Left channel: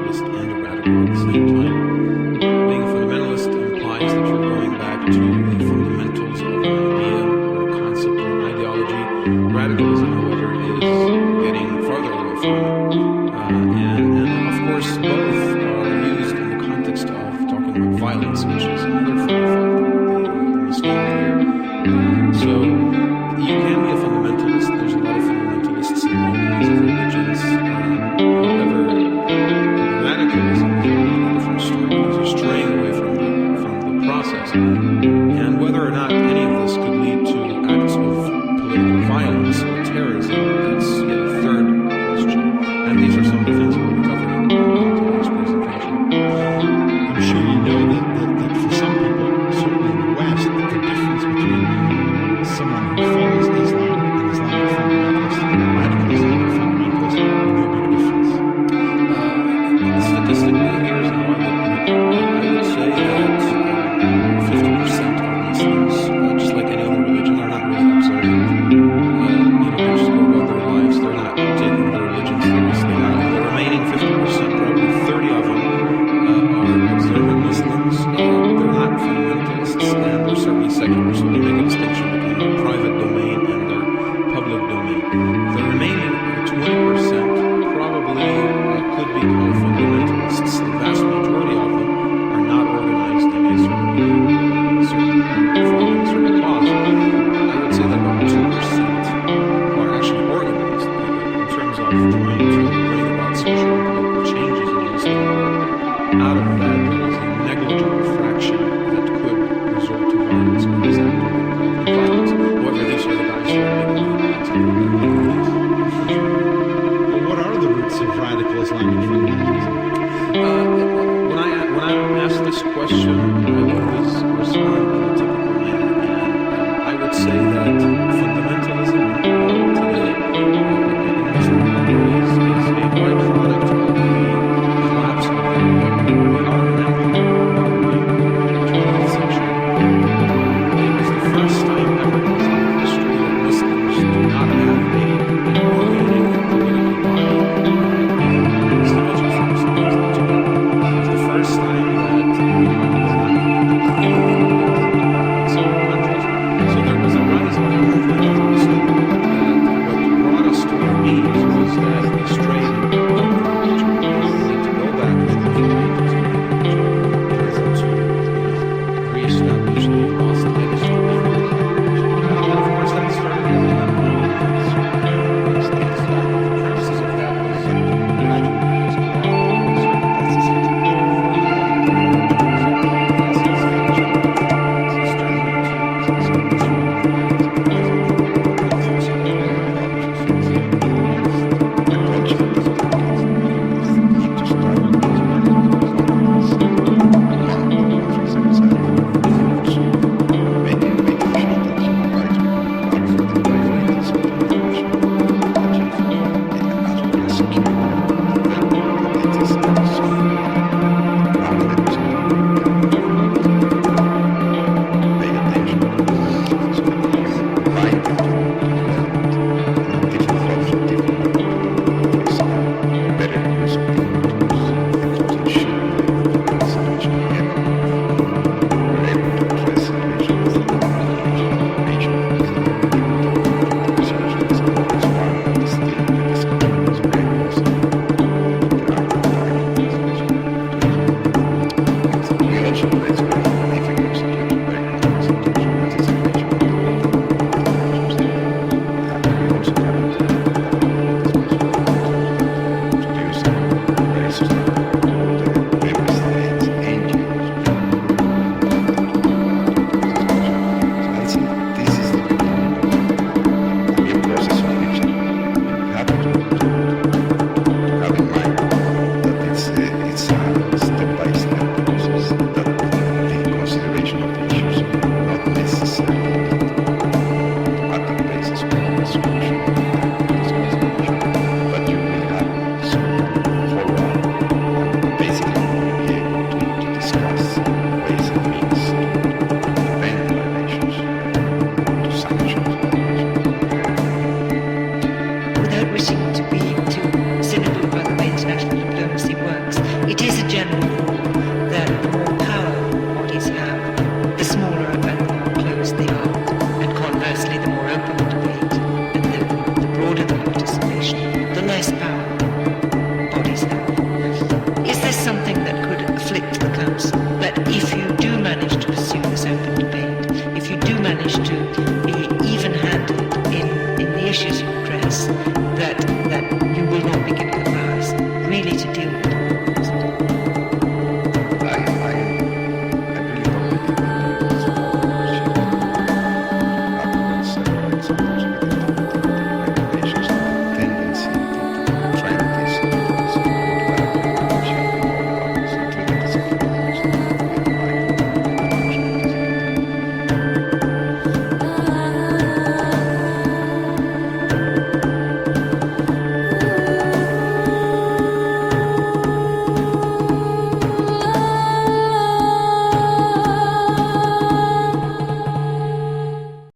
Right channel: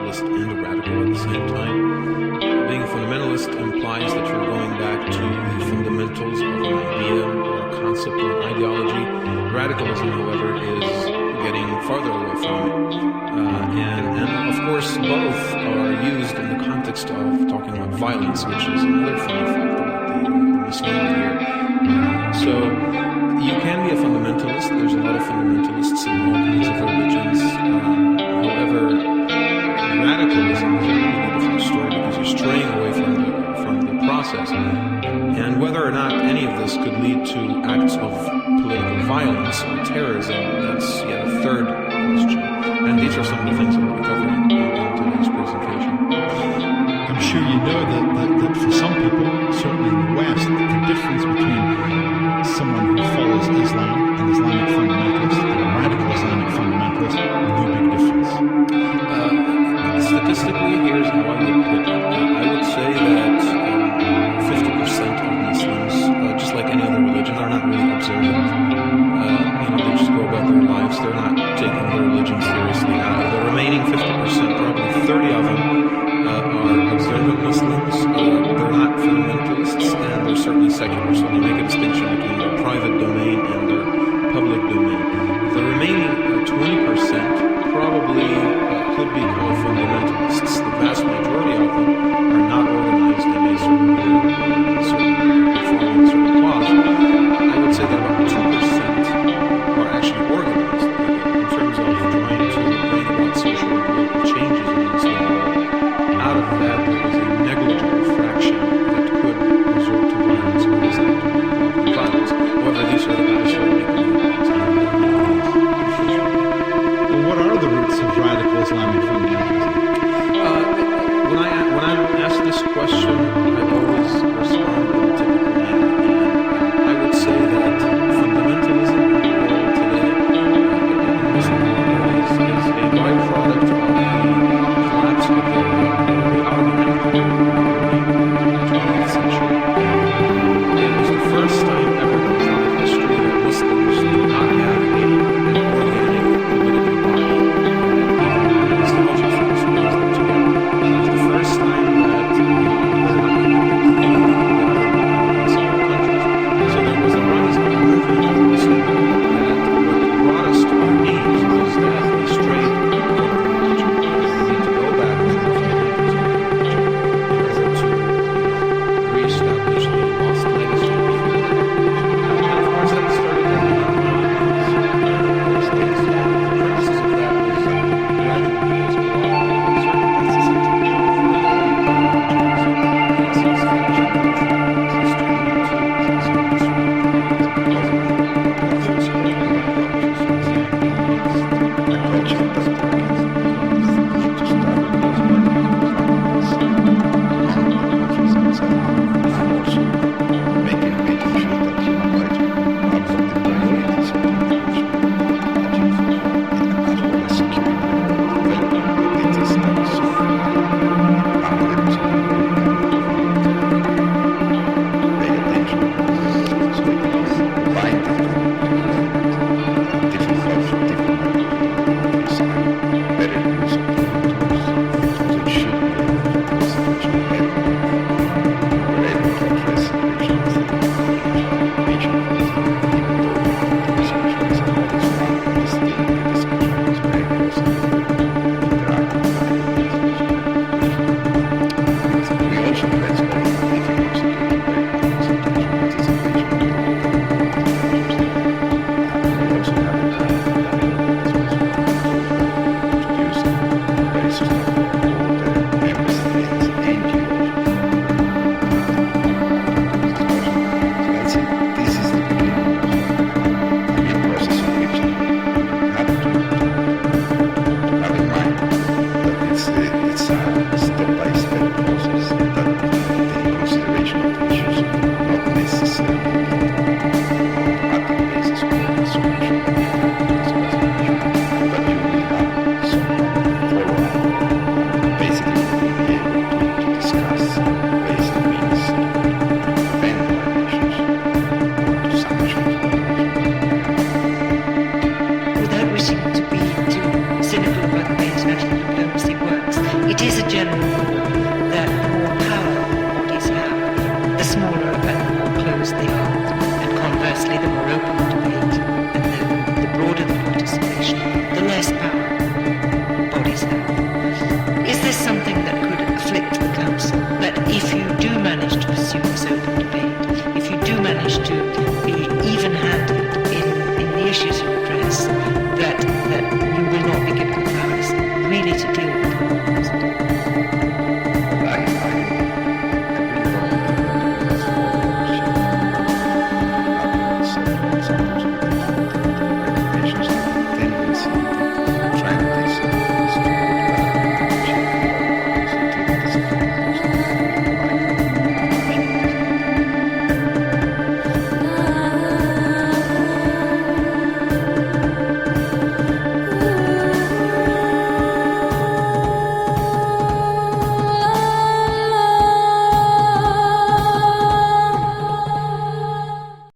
fundamentalist and a radical at the same time. Being a fundamentalist implies that you're going back to the fundamentals of an idea or a concept or an ideology. Radicalism, however, is getting farther away from it. And of course, both are used in the context of talking about violence, which is another funny fact about the Muslim here. So you can be a fundamentalist. There's a lot of fundamentalists in all kinds of religions. However, radicalism is a completely different story because you're straying away from the process. And whether or not any of this could lead to acts of political violence or terrorism, that's yet a third question. And these are some of the things that we'll be covering in today's presentation. I'm sure you know that for some people, certainly in the West, the difference between someone who follows Islam, an Islamic fundamentalist, and a radical Islamic fundamentalist, no big difference. Statistically, here's how I would put it. I would say that 50% of Muslims, just like any other religion, are not really observant. They just go about their lives. They're not taking their religion seriously. The remaining 50%, probably 30 of them, are observant Muslims. They're not fundamentalists, and they're certainly secular, so they make a distinction between their private domain and their public domain. The remaining 20% probably could be called fundamentalists. The vast majority of them are not organized in a certain group, following certain cause. I would say that about 2% are actually organized in terms of trying to bring about social and political changes in the Muslim world. Out of that, there is a negligible fraction that could resort to violence or is actively involved in violence. However, these are the guys who are making movements and Well, what are the roots of radical Islamic fundamentalism? When I'm asked this question, I always respond in a typical manner, and I would say that fundamentalism in the world today, in the Muslim world, is a byproduct of the collapse of the Ottoman Empire in the 20th century. It was the first time ever in Islamic history that Muslims do not have an organic political body, even nostalgic folks put them together. It was the first time that they're not connected in several countries. So there was a rise of a movement of the Muslim world that what brought us to our knees was that we strayed from the religion. We need to go back to the fundamentals of the religion in order to, reestablish the lost legacy of the religion. And of course that started at the nonviolent means. The premises of that was gradually as without wishing to be too cynical about the way international diplomacy works, It is a general rule that the more power bodies have, the smaller and the more closed they are, and conversely, the more open the debate and the broader the participation, the less power bodies have. Is this something that could afflict the Council? That if you do manage to pursue this open debate, if you do manage to be even-handed in the issues you address, that you will not be given the powers really to deal with